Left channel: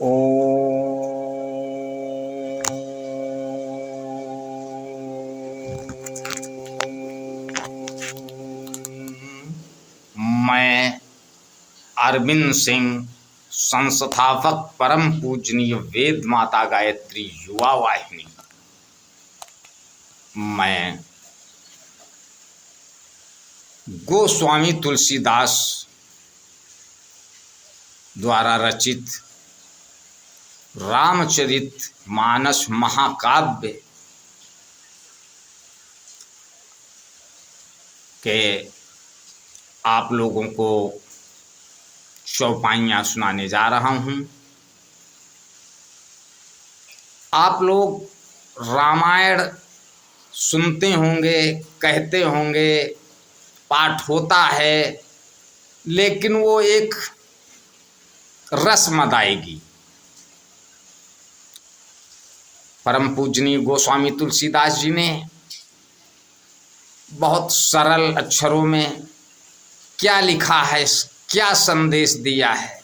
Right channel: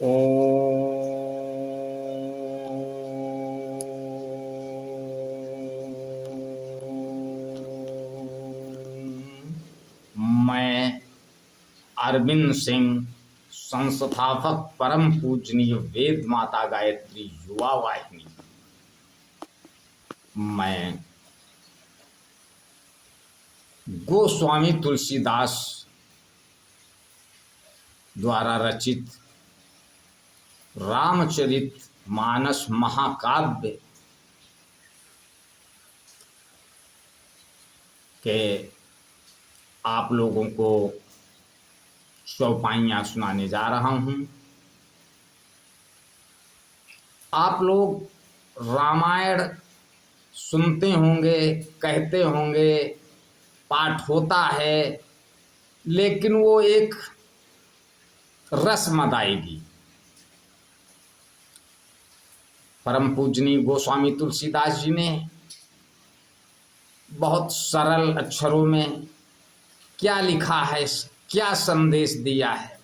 ओ मैं अरविंद सिंह, संस्थापक परम पूजनीय वेद माता गायत्री युवा वाहिनी, मैं गोस्वामी तुलसीदास द्वारा रचित रामचरित मानस महाकाव्य के आप लोगों को चौपाइयाँ सुनाने जा रहा हूँ। आप लोग रामायण सुनते होंगे, कहते होंगे, पाठ होता है, लेकिन वो एक रस्म अदायगी। परम पूजनीय गोस्वामी तुलसीदास जी ने बहुत सरल अक्षरों में क्या लिखा है, क्या संदेश दिया है,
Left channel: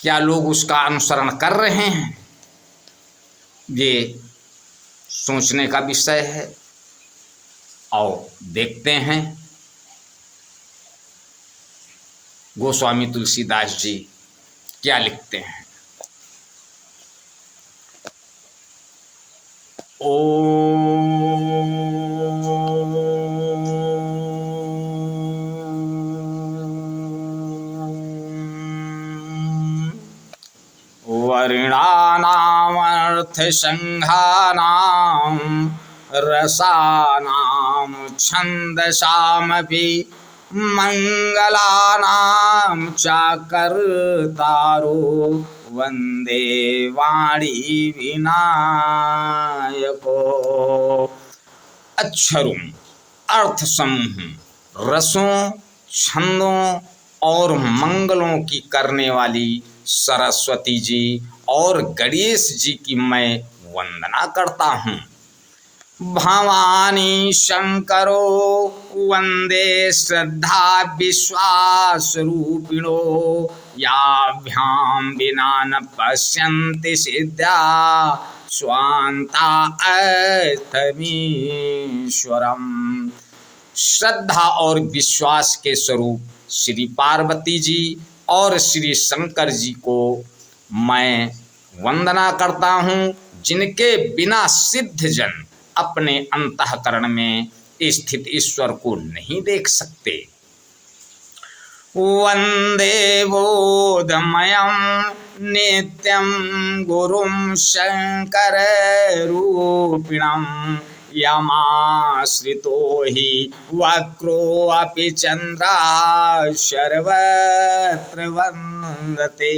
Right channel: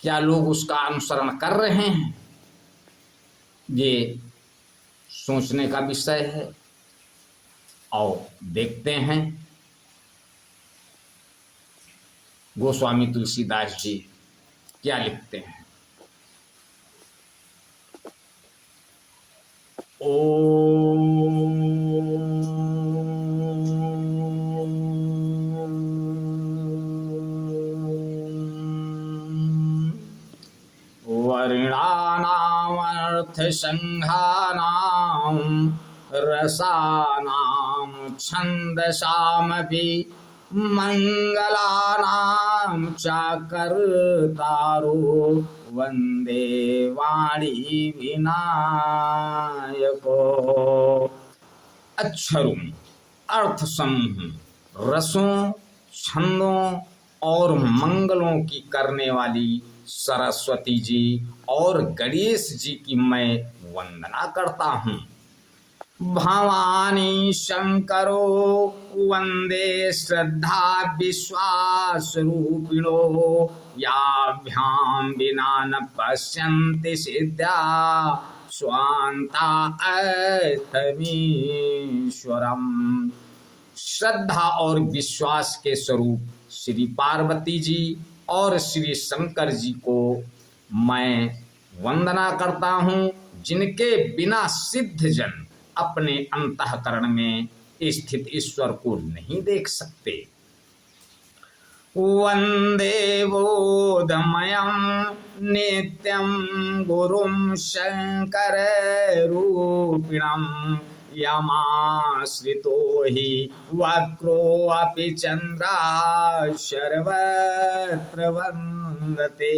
क्या लोग उसका अनुसरण कर रहे हैं, ये सोचने का विषय है। और देखते हैं गोस्वामी तुलसीदास जी क्या लिखते हैं। वर्णानामर्थसंघानां रसानां छन्दसामपि मंगलानां चाकर्तारो वंदे वाणी विनायको। अक्षरों, अर्थ समूह, रसों, छंदों और मंगलों की करने वाली सरस्वती जी और गणेश जी की मैं वंदना करता हूँ। भवानी शंकरो वंदे श्रद्धा विश्वास रूपिणो, याभ्याम विना न पश्यन्ति सिद्धा स्वान्ता अर्थमीश्वरम। श्रद्धा और विश्वास के स्वरूप श्री पार्वती जी और श्री शंकर जी को मैं वंदना करता हूँ, जिनके बिना सिद्ध जन अपने अंतःकरण में स्थित ईश्वर को नहीं देख सकते। वंदे बोधमयं नित्यं गुरुं शंकर रूपिणं, यमाश्रितो हि वक्रो अपि चंद्रा सर्वत्र वंदते।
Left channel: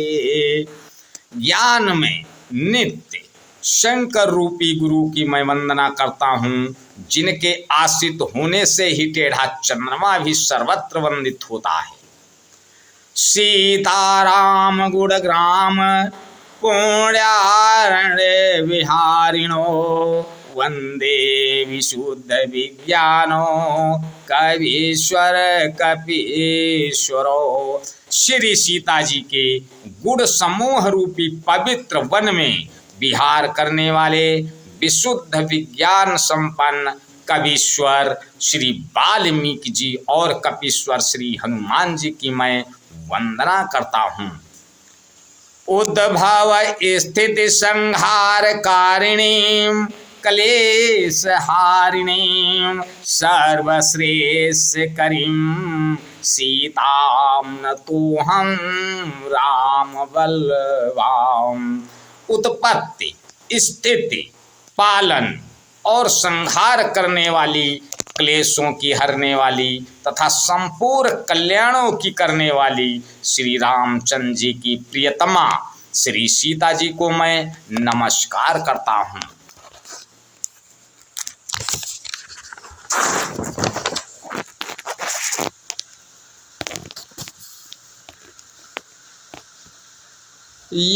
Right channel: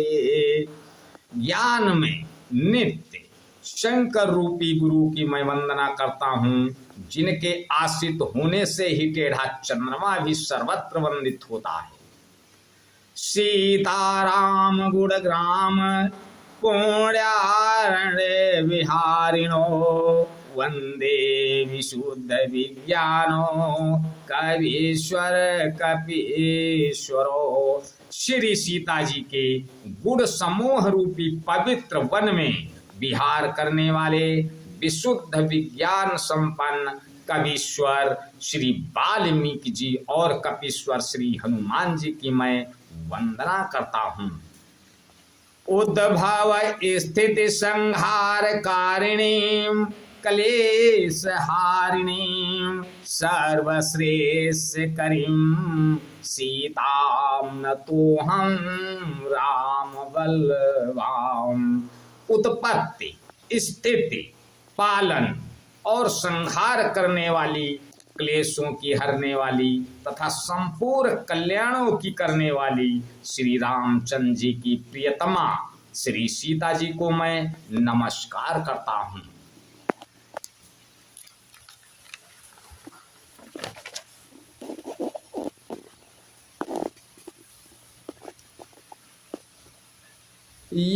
ज्ञान में नित्य शंकर रूपी गुरु की मैं वंदना करता हूँ, जिनके आश्रित होने से ही टेढ़ा चंद्रमा भी सर्वत्र वंदित होता है। सीताराम गुणग्राम पुण्यारण्य विहारिणो, वंदे विशुद्ध विज्ञानो कवीश्वर कपीश्वरो। श्री सीता जी के गुण समूह रूपी पवित्र वन में विहार करने वाले विशुद्ध विज्ञान संपन्न कवीश्वर श्री वाल्मीकि जी और कपीश्वर श्री हनुमान जी की मैं वंदना करता हूँ। उद्भव स्थिति संहार कारिणीं क्लेश हारिणीं सर्वश्रेष्ठ करीं सीतां नतोऽहं राम बलवाम। उत्पत्ति, स्थिति, पालन और संहार करने वाली, क्लेशों की हरने वाली तथा संपूर्ण कल्याणों की करने वाली श्री रामचंद्र जी की प्रियतमा श्री सीता जी को मैं नमस्कार करता हूँ।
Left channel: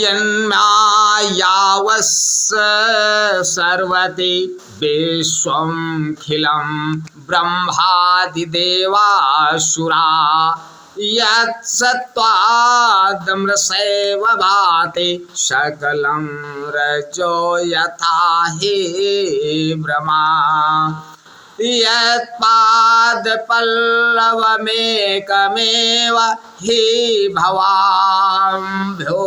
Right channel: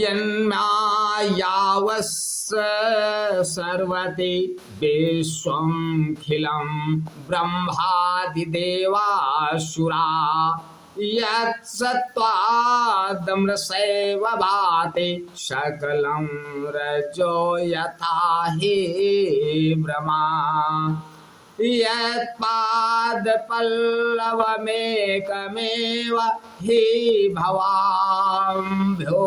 यन्मायावस्य सर्वति विश्वमखिलं ब्रह्मादिदेवासुरा यत्सत्त्वादमृषैव भाति सकलं रजो यथा हि भ्रमा यत्पादपल्लवमेकमेव हि भवाम्भ्यो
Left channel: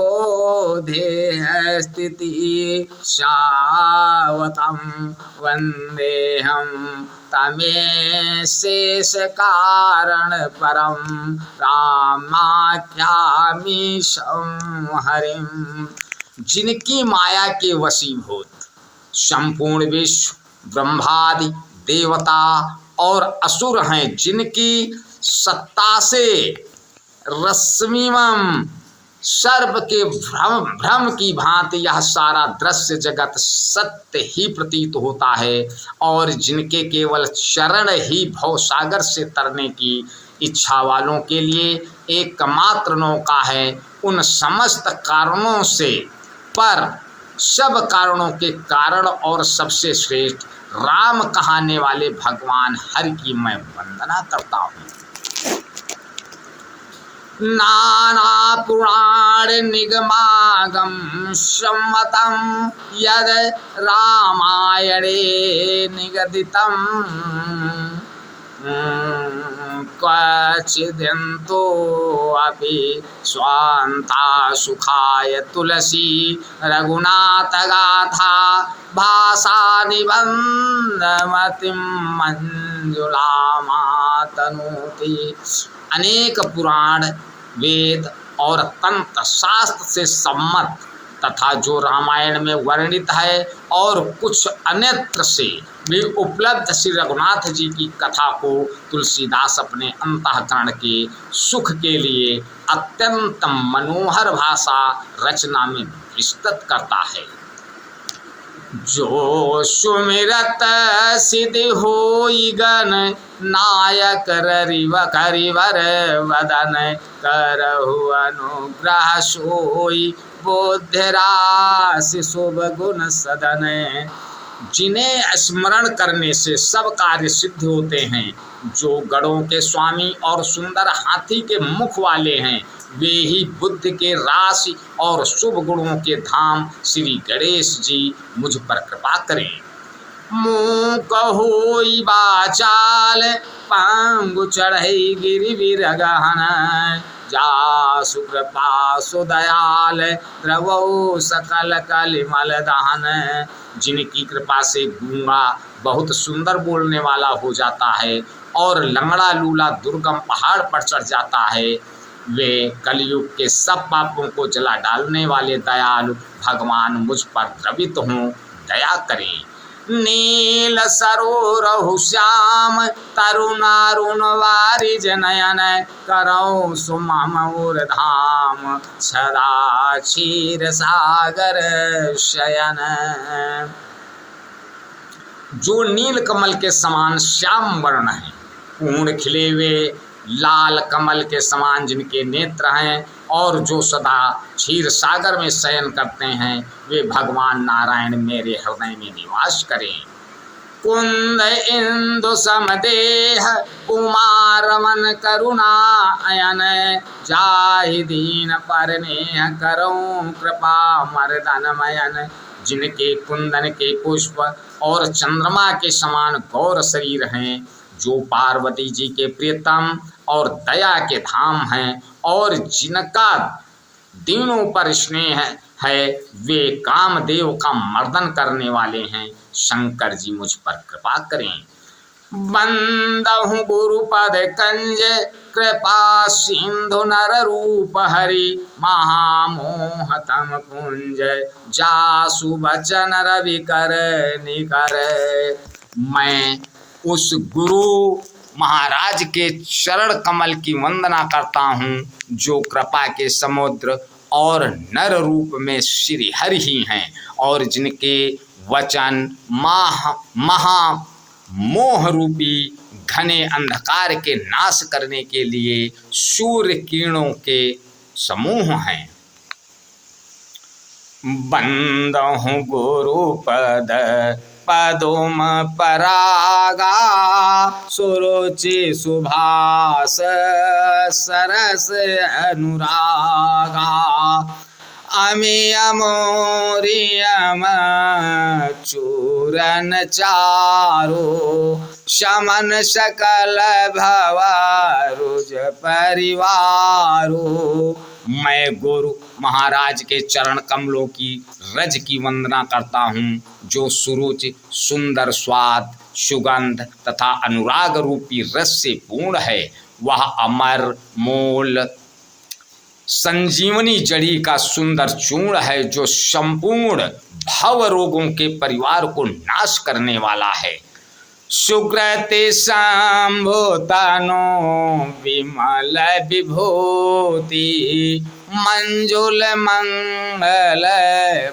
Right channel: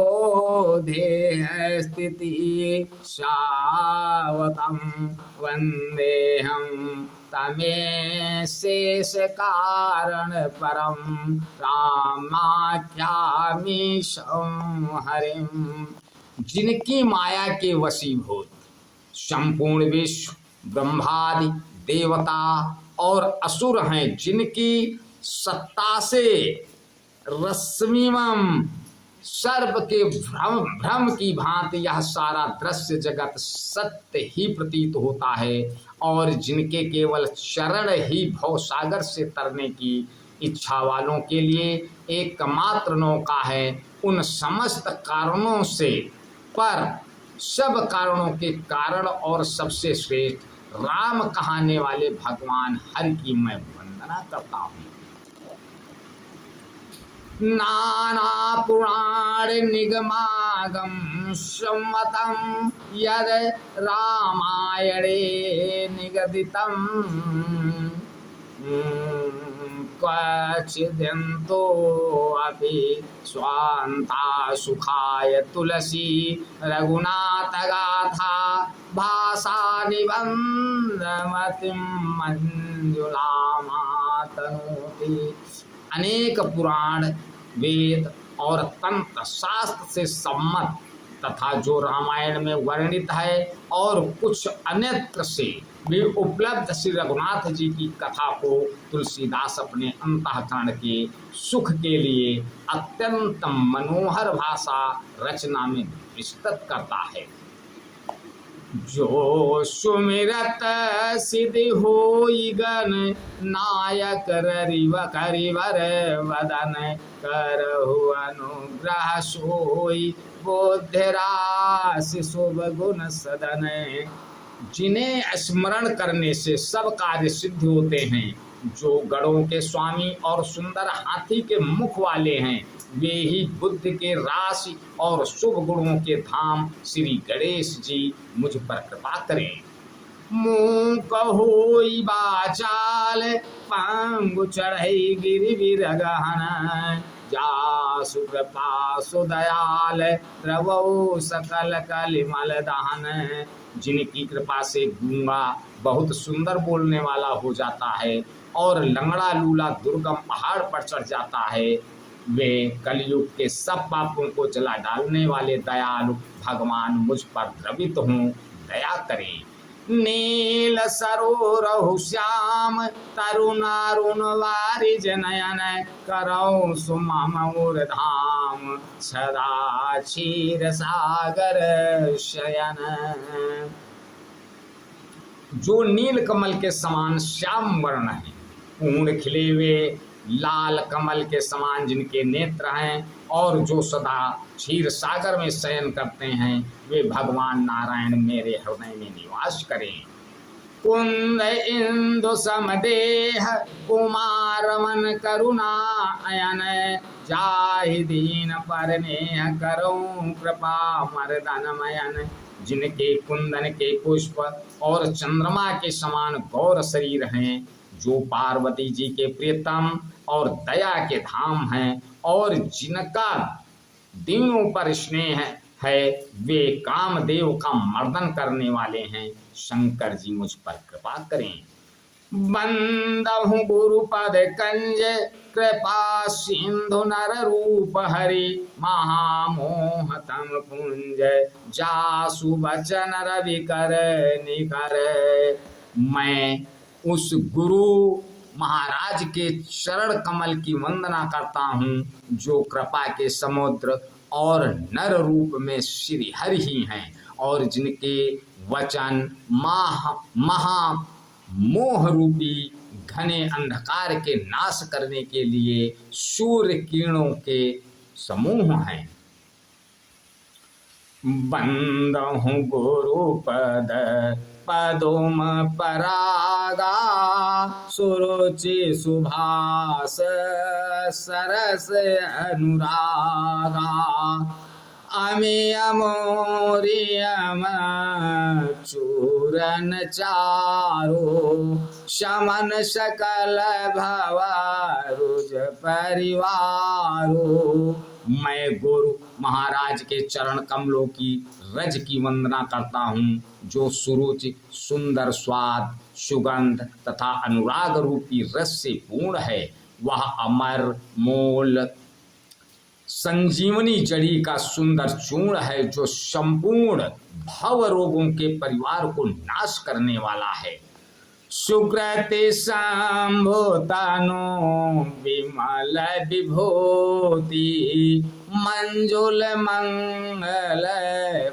देहस्थितिः शावतं वन्देऽहं तमेशेषकारणपरं रामाख्यामीशं हरिं। जिनकी माया के वशीभूत संपूर्ण विश्व ब्रह्मादि देवता और असुर हैं, जिनकी सत्ता से रश्मिमं सर्प के भ्रम की भांति यह सारा दृश्य जगत सत्य ही प्रतीत होता है, और जिनके केवल चरण ही भवसागर से तरने की इच्छा वालों के लिए एकमात्र नौका है, उन समस्त कारणों से पर सब कारणों के कारण और सबसे श्रेष्ठ राम कहाने वाले भगवान हरि की मैं वंदना करता हूँ। नाना पुराण निगमागम सम्मतम यद रामायणे निगदितम क्वचिदन्तो अपि स्वान्ता सुखाय तुलसी रघुनाथ गाथा भाषा निबंधमतिं मंजुलामातनोति। अनेक पुराण वेद और तंत्र शास्त्र से सम्मत तथा जो रामायण में वर्णित है और कुछ अन्यत्र से भी उपलब्ध श्री रघुनाथ जी की कथा को तुलसीदास अपने अंतःकरण के सुख के लिए अत्यंत मनोहर भाषा रचना में विस्तृत करता है। जो सुमिरत सिद्धि होई गण नायक करिवर वदन करहु अनुग्रह सोई बुद्धिराशि शुभ गुण सदन। जिन्हें स्मरण करने से सब कार्य सिद्ध होते हैं, जो गणों के स्वामी और सुंदर हाथी के मुख वाले हैं, वे ही बुद्धि के राशि और शुभ गुणों के धाम श्री गणेश जी मुझ पर कृपा करें। मुँह कहोई बाचाल पांगु चढ़ई गिरि विरगहन जासु कृपा सुदयाल द्रवौ सकल कलिमल दहन। जिनकी कृपा से गूंगा बहुत सुंदर बोलने वाला हो जाता है और लंगड़ा लूला दुर्गम पहाड़ पर चढ़ जाता है, वे कलयुग के सब पापों को जला डालने वाले दयालु भगवान मुझ पर द्रवित हों, दया करें। नील सरोरहु श्याम तरुणारुण वारिज नयन करौ सुममौर धाम सदा क्षीर सागर शयन। जो नील कमल के समान श्याम वर्ण है, पूर्ण खिले हुए लाल कमल के समान जिनके नेत्र हैं और जो सदा क्षीर सागर में शयन करते हैं, वे भगवान नारायण मेरे हृदय में निवास करें। कुंद इंदु समदेह कुमार मन करुणा अयन जाहि दीन पर नेह करऊं कृपा मर्दनमयन। जिनके कुंदन के पुष्प और चंद्रमा के समान गौर शरीर हैं, जो पार्वती जी के प्रियतम और दया के धाम हैं और जिनका दीनों पर स्नेह है, वे कामदेव का मर्दन करने वाले हैं, शंकर जी मुझ पर कृपा करें। बंदहु गुरुपद कंज कृपा सिंधु नर रूप हरि महामोहतम पुंज जासु बचन रवि कर निकर। मैं उस गुरु महाराज के चरण कमल की वंदना करता हूँ, जो कृपा के समुद्र और नर रूप में श्री हरि ही हैं और जिनके वचन महा मोह रूपी घने अंधकार के नाश करने के लिए सूर्य किरणों के समूह हैं। बंदहु गुरुपद पदोम परागा सुरुचि सुभाष सरस अनुरागा अमियमोरियम चूरन चारो शमन सकल भवरुज परिवारो। मैं गुरु महाराज के चरण कमलों की रज की वंदना करता हूँ, जो सुरुचि सुंदर स्वाद सुगंध तथा अनुराग रूपी रस से पूर्ण है। वह अमर मोल संजीवनी जड़ी का सुंदर चूर्ण है, जो संपूर्ण भव रोगों के परिवार को नाश करने वाला है। सुकृति संभूतनो विमल विभूति मंजुल मंगल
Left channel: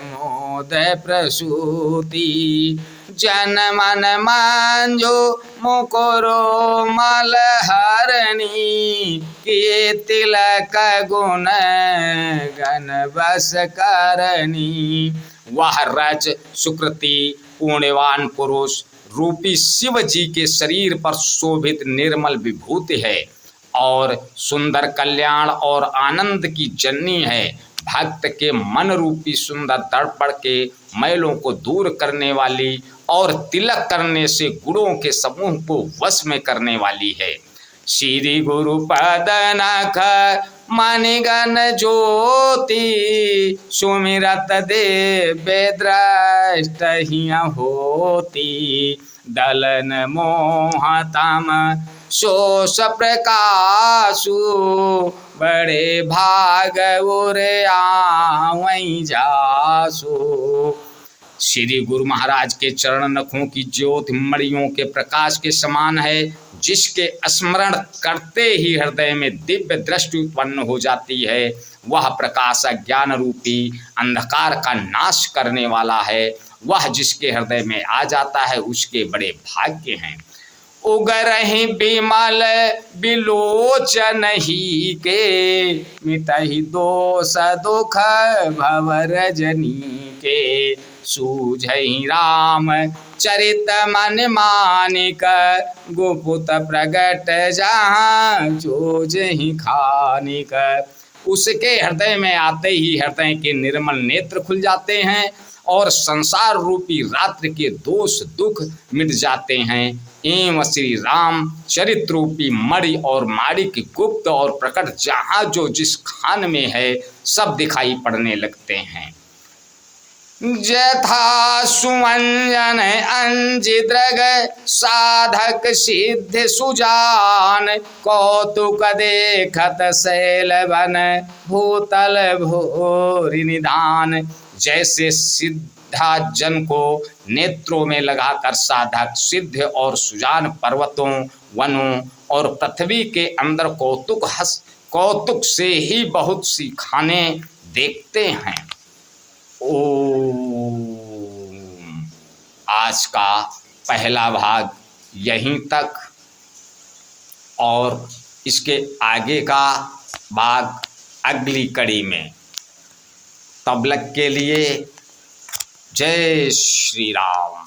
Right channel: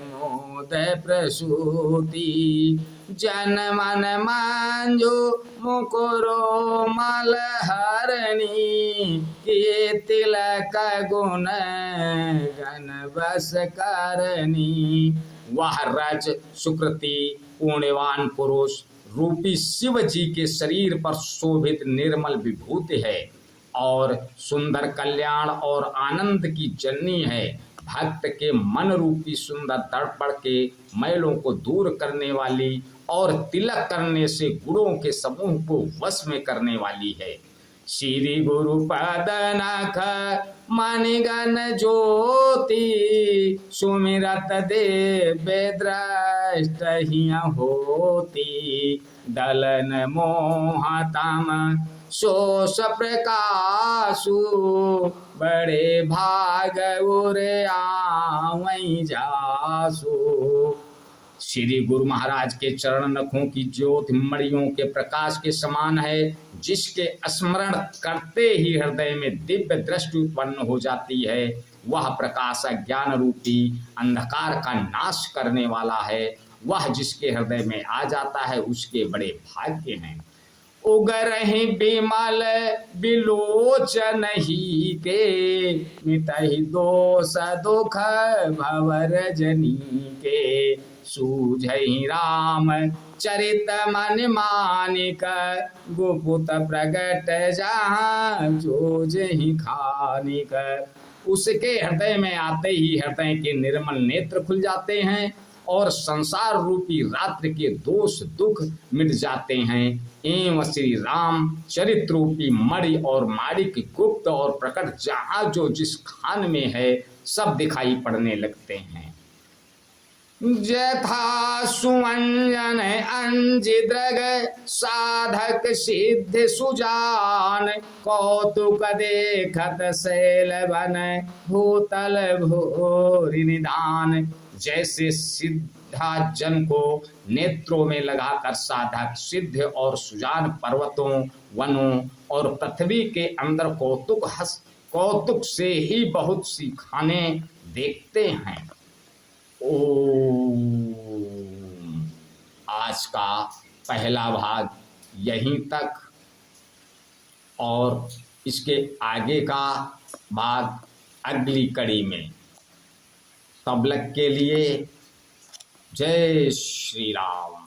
मोद प्रसूति जन मन मंजो मुकुरो मलहरणी किए तिलक गुण गण बस करनी। वह रज सुकृति पुण्यवान पुरुष रूपी शिव जी के शरीर पर शोभित निर्मल विभूति है और सुंदर कल्याण और आनंद की जननी है। भक्त के मन रूपी सुंदर दर्पण के मैलों को दूर करने वाली और तिलक करने से गुणों के समूह को वश में करने वाली है। श्री गुरु पद नख मणिगण ज्योति सुमिरत देव दृष्ट होती दलन मोहतम शोष प्रकाशु बड़े भाग उरे आवै जासु। श्री गुरु महाराज के चरण नखों की ज्योति मणियों के प्रकाश के समान है, जिसके स्मरण करते ही हृदय में दिव्य दृष्टि उत्पन्न हो जाती है। वह प्रकाश ज्ञान रूपी अंधकार का नाश करने वाला है। वह जिसके हृदय में आ जाता है उसके बड़े भाग्य हैं। उगरहि बिमल बिलोचन ही के मिटहि दोष दुख भव रजनी के सूझहि राम चरित मन मानिक गुपुत प्रगट जहाँ जोजहि खानिक। उसके हृदय में आते ही हृदय के निर्मल नेत्र खुल जाते हैं और संसार रूपी रात्रि के दोष दुख मिट जाते हैं। एवं श्री राम चरित्र रूपी मणि और माणिक गुप्त और प्रकट जहाँ जो जिस खान में है सब दिखाई पड़ने लगते हैं। जथा सुमंजन अंजिद्रग साधक सिद्ध सुजान कौतुक देखत शैल बन भूतल भूरि निधान। जैसे सिद्धा जन को नेत्रों में लगाकर साधक सिद्ध और सुजान पर्वतों वनों और पृथ्वी के अंदर कौतुक से ही बहुत सी खाने देखते हैं। ओम। आज का पहला भाग यहीं तक और इसके आगे का भाग अगली कड़ी में। तब तक के लिए जय श्री राम।